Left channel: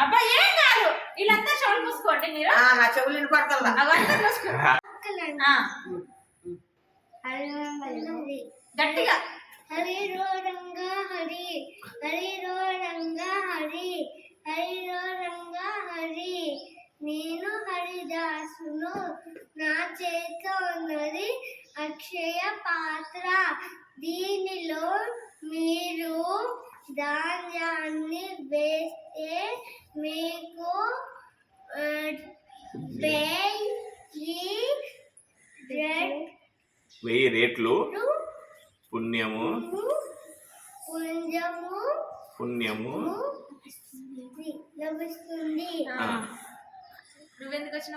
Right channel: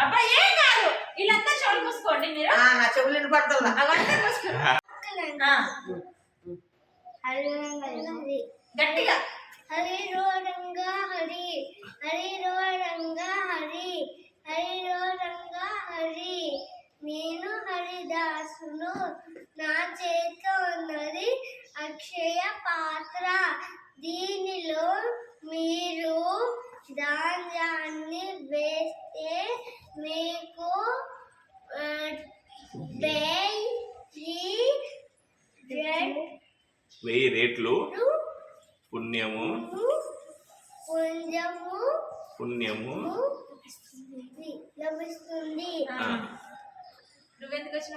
అబ్బాయి ఏం కాదు, వీళ్ళంతా చెవులు మూసుకోండి మీరు. నా చెవులు వినపడతల్లా. అవంతా మూసుకోండి గట్టిగా. హరి రో రంగా హరి, హరి రో రంగా హరి, హరి రో రంగా హరి. నేను హరిదాసును, నా చేతిలో ఉన్నది అక్షయ పాత్ర. దీనిలో మీరు ధాన్యాన్ని వేస్తే మీకు 1000 రెట్లు పుణ్యము లభిస్తుంది. నువ్వెందుకు వచ్చిన